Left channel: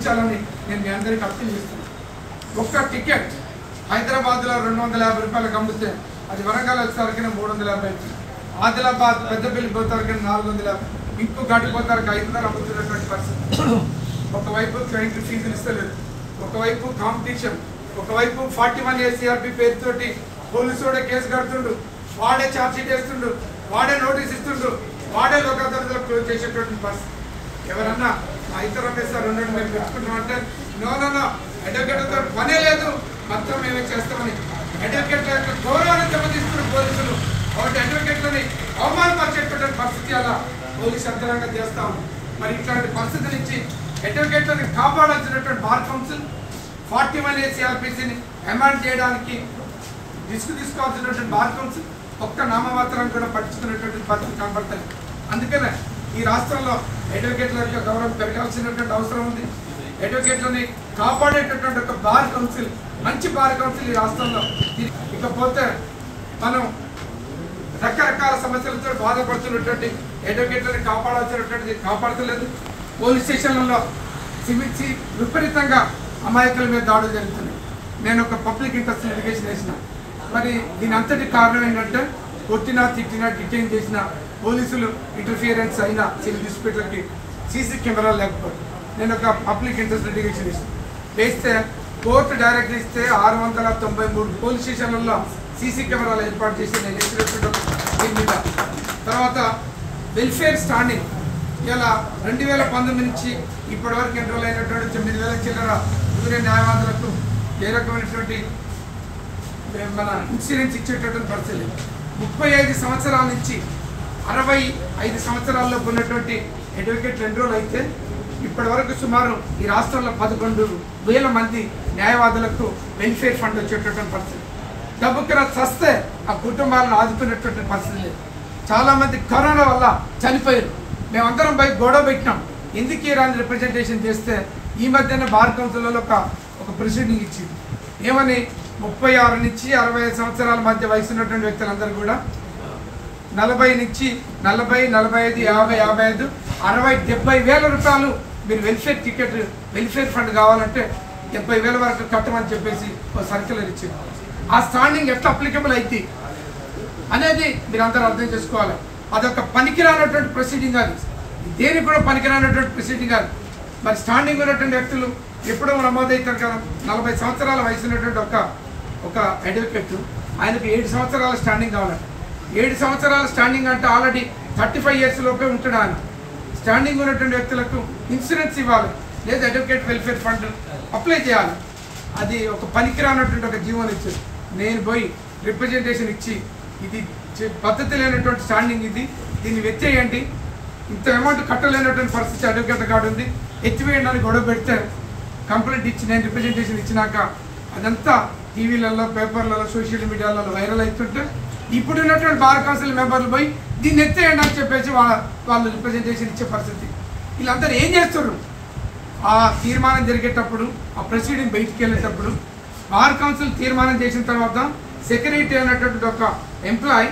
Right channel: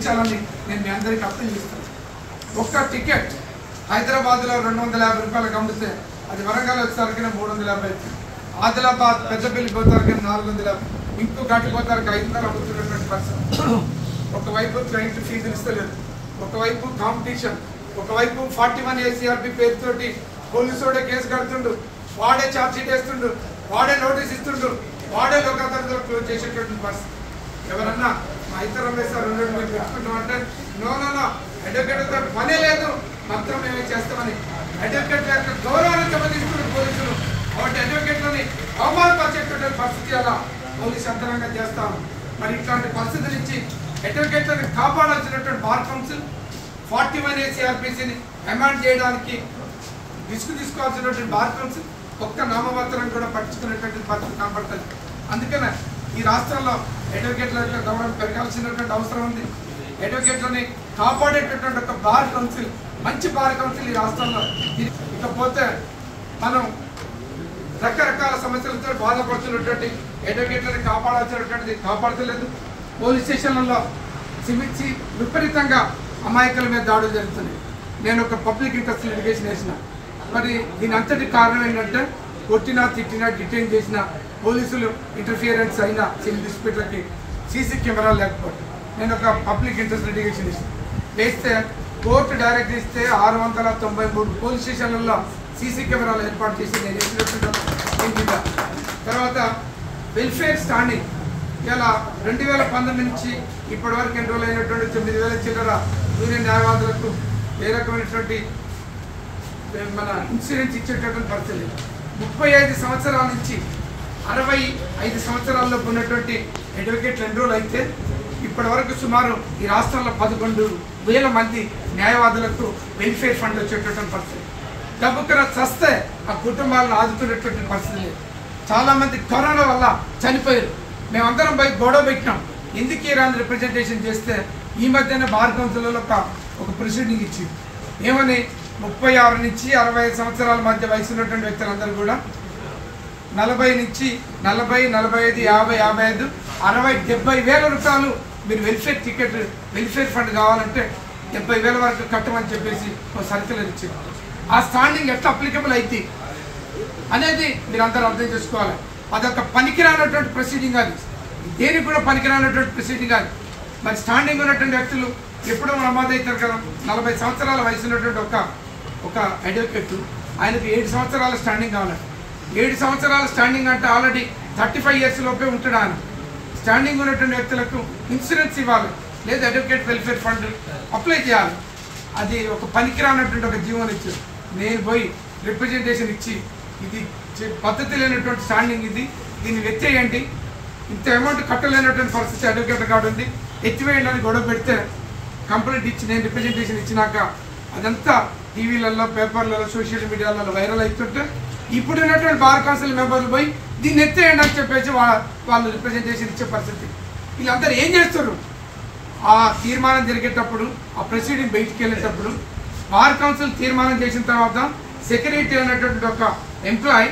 ఉంచాలని నేను మీ అందరికీ అప్పీల్ చేస్తున్నాను. ఒక్క టికెట్ హైదరాబాద్లో 250 రూపాయలకు అమ్మితే అది వరంగల్ వచ్చేసరికి 350, ఆదిలాబాద్ పెద్దపల్లి పోతారికి 450, ఇంకో గట్టు పోతారికి 500 అమ్ముతున్నటువంటి పరిస్థితి. ఒకవైపు ట్రైన్కి ఫీజులు ఇస్తలేదు, ఒకవైపు కాంపిటీషన్, ఒకవైపు 41 ACRP పేరుతోటి పోలీసుడే కేసు కడుతుండు, వాడే ఛార్జ్ షీట్ వేస్తుండు, వాడే నోటీస్ ఇస్తుండు, వాడే లోకాదాలతో క్లోజ్ చేసేటువంటి పరిస్థితి. ఎవరన్నా మా ఇతర సార్ ఉండడం మేము పెట్టుకుంటామంటే నో అడ్వకేట్తో పనే లేదు, మొత్తం మేమే చేస్తామని అడ్వకేట్ గౌరవాన్ని దెబ్బతీస్తున్న పోలీసులు కాబట్టి అడ్వకేట్లని అవమానపరిచేటటువంటి పరిస్థితి అలా పోలీసు యంత్రాంగం చేస్తాము. మరి ఇట్లాంటి పరిస్థితి నుంచి అడ్వకేట్లను కాపాడాల్సినటువంటి బార్ కౌన్సిల్ 41 ACRPCని అమెండ్ చేయడానికి తీసుకోవాల్సినటువంటి బార్ కౌన్సిల్ ఒక్క నామమాత్రం కూడా పట్టించుకునేటువంటి పరిస్థితి కనబడుతుంది. అందుకనే ఈ రాష్ట్రంలో అడ్వకేట్ల యొక్క గౌరవం పెరగాల్సినటువంటి అవసరం ఉంది. అడ్వకేట్లని కాపాడేటటువంటి ఒక బార్ కౌన్సిల్, మంచి బార్ కౌన్సిల్ ఈ రాష్ట్రంలో. ఇకపోతే మనం రకరకాల సమస్యలతో బాధపడుతున్నటువంటి అడ్వకేట్లని కాపాడాల్సినటువంటిది కాపాడతలేదు. పోలీస్ స్టేషన్లలో సిమిచ్చి విపరీతంగా అమాయకుల మీద దాడులు జరుగుతున్నాయి. నేను ఒక పబ్లిక్ ఇంట్రెస్ట్ లిటిగేషన్ వేసిన. మరి దీని అంతటి కారణం ఏంటంటే కొట్టినా తిట్టినా డిటైన్ చేసిన పోలీసులు ఇంటర్ఫియరెన్స్ అయిన సివిల్ డిస్ప్యూట్లకి సీసీ కెమెరాలు లేకపోతే నేను ఒక పబ్లిక్ ఇంట్రెస్ట్ లిటిగేషన్ వేస్తే కోర్టు డైరెక్ట్ ఇస్తే 693 పోలీస్ స్టేషన్లలో సీసీ కెమెరాలు ఏర్పాటు చేసి నేను చేసినటువంటి. తర్వాత వెల్ఫేర్ స్టాండింగ్ ఇలా 2019 నుంచి ఇప్పటి వరకు ఎన్రోల్ అయినటువంటి 9,000 చిల్లర యూనియన్ న్యాయవాదులకు ఏ రకమైనటువంటి మన ఇన్సూరెన్స్ ఇచ్చేటటువంటి పరిస్థితి. 35 సంవత్సరాల నుంచి 65 సంవత్సరాల్లో ఉన్నటువంటి అడ్వకేట్లు ఎన్రోల్ అయితే ఇప్పటి వరకు సుమారు ఈ రాష్ట్రంలో 11,000 మంది న్యాయవాదులకు వెల్ఫేర్ ఫండ్ వచ్చేటటువంటి పరిస్థితి. డబ్బుకర చస్తే ఆ కుటుంబాలను ఆదుకునేటువంటి పరిస్థితి లేదు. చాలామంది కరోనా వల్ల చనిపోయారు. మేమందరం బయట గొడవ పెట్టినాం, ఎందుకు ఈ రాని రిప్రజెంటేషన్ చేస్తే ఈ మధ్యన బార్ కౌన్సిల్లో ఒక ప్రొసీడింగ్ ఇచ్చింది. ఏమని 36 నుంచి 65 సంవత్సరాల మధ్య వయసు ఉన్నటువంటి వ్యక్తులందరూ కూడా 40 నుంచి 40, 45, 50, 55, 60, 70,000 రూపాయలు మీరు వెల్ఫేర్ ఫండ్ కావాలంటే 70,000 వరకు కట్టమని చెప్పేసి ఒక సర్క్యులర్ ఇచ్చింది. ఆ స్టాండింగ్ ఎట్లా అప్లికబుల్ అయితే అనేది మీరు అందరూ అర్థం చేసుకోవాలి. అదొక పనికిరానటువంటి ప్రొసీడింగ్, అది దేనికి కూడా పనికిరానటువంటి ప్రొసీడింగ్ అది. మరి స్టాండింగ్ ఉన్నటువంటి వ్యక్తులు ఎప్పుడో నమోదవుతారు కదా. 40 సంవత్సరాల వయసు ఉన్నటువంటి ఒక అడ్వకేట్, ఆయనకు 7 సంవత్సరాల స్టాండింగ్ కావాలంటే 7 సంవత్సరాల స్టాండింగ్ అంటే ఆల్రెడీ 35 years లోపే ఉంటాడు. ఆయన స్టాండింగ్ ఉన్నటువంటి వ్యక్తులకు ఇన్సూరెన్స్ ఇవ్వాలి, లేదా అడ్వకేట్ వెల్ఫేర్ ఫండ్ అప్లై చేయాలి. అది ఒక పనికిరానటువంటి ఒక జీవనం ఇచ్చారు. నేను పోయి రిప్రజెంటేషన్ ఇచ్చి ఇది పద్ధతి లేనటువంటి స్టాండింగ్, దీన్ని ఎత్తేయండి, ఇంత అమౌంట్ కట్టలేనటువంటి పరిస్థితి అడ్వకేట్ కార్డు ఉంది, ఎత్తివేయండి అని గొడవ పెడితే కంప్లైంట్ ఇచ్చి నేను రిప్రజెంటేషన్ ఇచ్చినాక అదంతా టీవీలలో, పేపర్లలో, సోషల్ మీడియాలలో వైరల్ అవుతుంటే ఇప్పుడు ఉన్నటువంటి బార్ కౌన్సిల్ మెంబర్లు పోయి దీన్ని ఎత్తేయండి అని చెప్పేసి వాళ్ళు రిప్రజెంటేషన్ ఇచ్చే పరిస్థితి. వీళ్ళందరూ ఏం చేస్తారు? ఆ తీర్మానం జరిగేటప్పుడు, ఆ ప్రొసీడింగ్ బయటికి వెళ్ళేటప్పుడు బార్ కౌన్సిల్ తీర్మానం చేసిన తర్వాత సెక్రటరీ అనేటువంటి ఒక ఎంప్లాయ్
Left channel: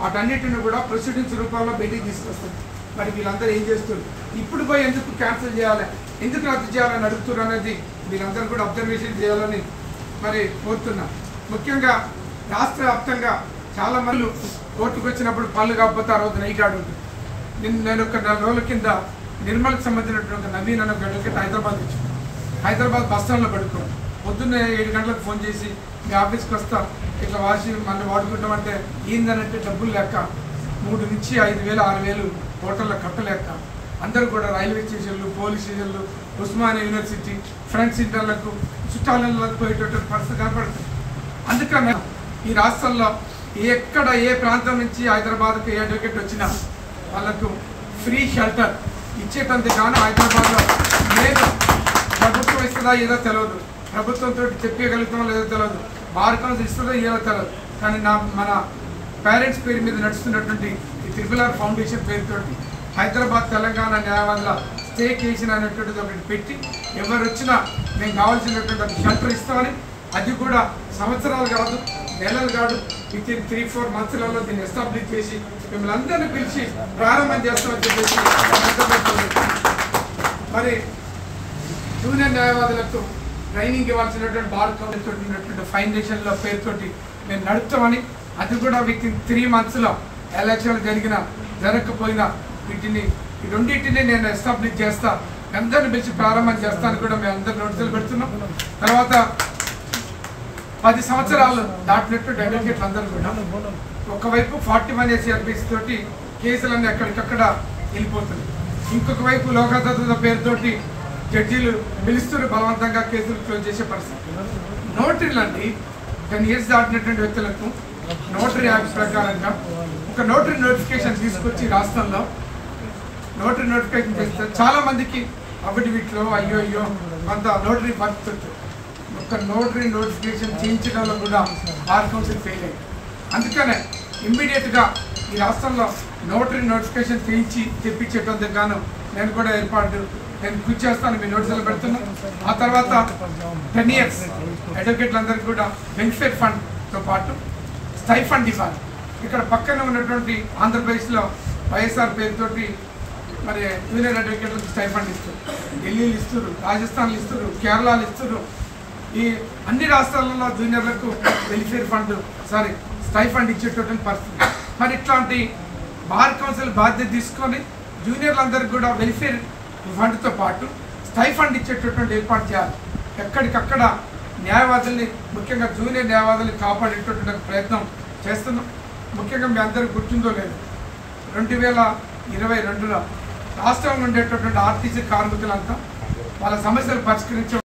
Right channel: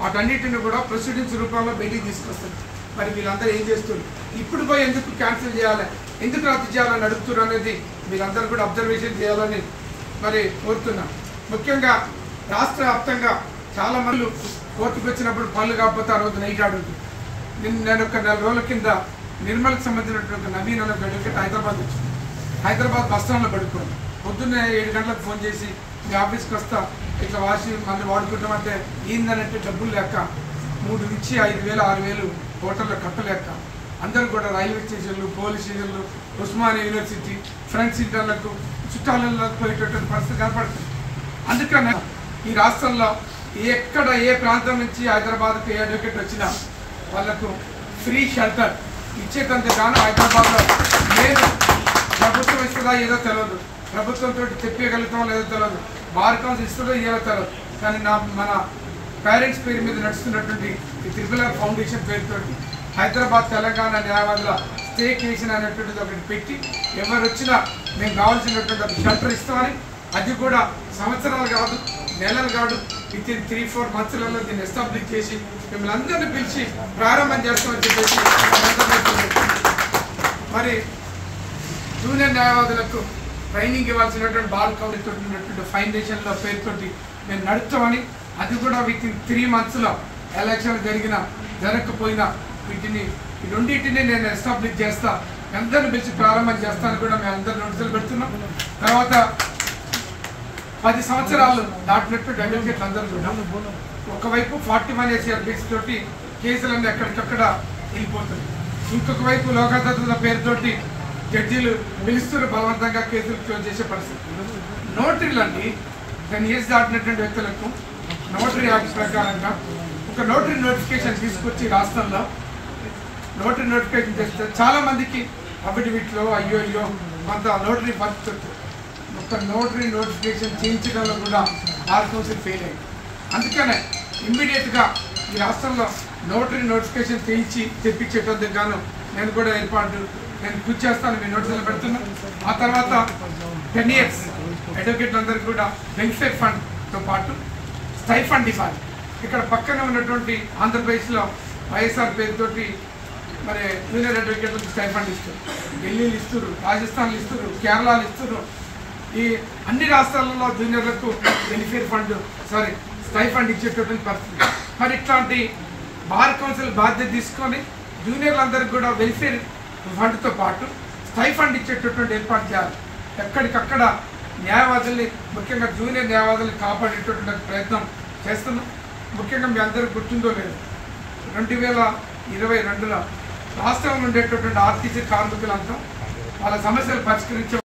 వాటన్నిటిని కూడా ప్రొసీడింగ్స్ రూపంలో బయటికి తీసుకొస్తుంది. మరి వీళ్ళందరూ ఏం చేస్తారు? ఇప్పుడు పోయి ఎందుకు క్యాన్సిల్ చేయాలి, ఎందుకు రద్దు చేయాలని అడుగుతున్నారు అనేది మీరందరూ కూడా అబ్జర్వేషన్ చేయాలని మరి కోరుతున్నాను. ముఖ్యంగా రాష్ట్ర వ్యాప్తంగా చాలా మంది కోర్టుకు వచ్చినప్పుడు పనులు కాకపోతే ఆ రోజు నైట్ ఆడుతుంది. నేను ఒక 4 రోజుల కింద నిర్మల్కి సంబంధించినటువంటి ఒక నవీన్ అనే అడ్వకేట్ హైదరాబాద్ వచ్చి హైదరాబాద్ బస్ స్టాండ్లో పడుకోండి. పొద్దున్నే 7 గంటలకు ఫోన్ చేసి మీ ఆఫీస్కి వస్తా, ఇట్లా మళ్ళీ వాడుకుంటామంటే ఏందనంటే డబ్బులు లేక 3 నుంచి 5,000, 6,000 హోటల్లో కట్టలేక అందరూ కూడా రైల్వే స్టేషన్లు, పోలీస్ స్టేషన్లు, ఉస్మానియా యూనివర్సిటీ, ఫ్రెండ్స్ ఇంటర్లకు, చుట్టాలకు పోయేటటువంటి పరిస్థితి కనపడుతుంది. అందుకనే ఈ రాష్ట్రంలో ఎక్కడ ఏ ప్రాంతం నుంచి హైదరాబాద్కు ఏ అడ్వకేట్ వచ్చినా వాళ్ళకు ఫ్రీ షెల్టర్ ఇచ్చేటందుకు గాను హైదరాబాద్లో లేదు. ప్రభుత్వం ఇస్తుందా ఏదో తెలియదు, ప్రభుత్వంతో చెప్పగలుగుతామో లేదో తెలియదు, బార్ కౌన్సిల్ ఇస్తుందో ఏదో తెలియదు. కానీ మన పేరెంట్స్ పేరు మీద నడుస్తున్నటువంటి ఈ త్రిపుల్ ఫౌండేషన్ పేరుతోటి హైదరాబాద్ తెలంగాణ న్యాయవాదుల స్టేకేషన్ అనేటువంటిది ఒకటి పెట్టి ఎవరు వచ్చినా మేము కావాల్సినటువంటి ఒక షెల్టర్ ఇస్తామని, అది కూడా సంవత్సరాలు కాదు, నెలలు కాదు, విత్ ఇన్ 3-4 monthsలలో దీన్ని ఎస్టాబ్లిష్ చేసి మిమ్మల్ని అందరినీ పిలిచి ప్రారంభం చేస్తామని చెప్పేసి. మరి జూనియర్ న్యాయవాదులకు ట్రైనింగ్ ఇవ్వాల్సినటువంటి బార్ కౌన్సిల్ ఉన్నటువంటి ఫౌండేషన్ల పేరుతోటి మేము నడుపుతామని, అది కూడా వితిన్ 3 monthsలో ఎలక్షన్ జరగకపోయినా వీటిని ఈ రెండింటిని నేను ఎస్టాబ్లిష్ చేస్తా, అందరిని పిలిచి ప్రారంభం చేస్తాను కూడా మేము అందరు నోటీసులు పెడుతున్నాం. తర్వాత 10 సంవత్సరాలు దాటినట్టు అడ్వకేట్లు అందరూ కూడా ఒకవైపు 41 SCRPs తోటి కేసులన్నీ ఎక్కడికక్కడ వెళ్ళిపోతున్నాయి, ఇంకొక వైపు లోకాదాలతుల పేరుతోటి జడ్జీలు పిలుస్తూ బలవంతంగా కేసులు క్లోజ్ చేసే పరిస్థితి. నోటరీలన్నీ 10 years దాటినటువంటి వ్యక్తులకు నోటరీ యాక్ట్ ప్రకారంగా ఒక నోటరీ నోటిఫికేషన్ తీసుకొచ్చి రాష్ట్రంలో నోటరీ నోటిఫికేషన్ చేస్తే చాలా మందికి అఫిడవిట్లో అయ్యో కొంత నోటరీ పరిస్థితి, ఒక నోటరీ నోటిఫికేషన్ చేయించడంలో కూడా బార్ కౌన్సిల్ ఫెయిల్ అయింది. అందుకనే ఇమ్మీడియట్గా ఈ రాష్ట్రంలో నోటరీ నోటిఫికేషన్ చేయించి తెప్పించేటందుకు గాను నేను కూడా నేను కృషి చేస్తాను, మీ నోటీసులు పెడుతున్నాను. ఆ తర్వాత 10 years అడ్వకేట్లందరికీ కూడా వెల్ఫేర్ ఫండ్తో పాటు స్టైఫండ్ ఇవ్వాలి. ఇక్కడ పక్కనే ఉన్నటువంటి ఆంధ్రప్రదేశ్లో వైఎస్ఆర్ పేరుతోటి మరి జూనియర్ అడ్వకేట్లకు స్టైఫండ్ ఇస్తారు, ఢిల్లీలు ఇస్తారు, రాజస్థాన్లు ఇస్తారు, కేరళలు ఇస్తారు. ఈ అన్ని రాష్ట్రాలలో జూనియర్లకు వెల్ఫేర్ ఫండ్ స్టైఫండ్ ఇచ్చేటటువంటి పరిస్థితి. మరి ఇట్లాంటి బార్ కౌన్సిల్ బాధ్యత తీసుకొని జూనియర్లందరికీ కూడా వెల్ఫేర్ ఫండ్తో పాటు స్టైఫండ్ ఇచ్చేటటువంటి ఏర్పాటు చేయాలి. ఎక్కడికక్కడ న్యాయవాదుల్ని, ముఖ్యంగా జూనియర్ న్యాయవాదుల్ని కాపాడేటటువంటి ప్రయత్నం చేస్తున్నాం. ముఖ్యంగా మీ అందరికీ గుర్తుందో లేదు, 2022లో రాష్ట్రంలో ఉండేటటువంటి ఆర్టీసీ కార్మికులంతా వాళ్ళ సమస్యలు పరిష్కరించే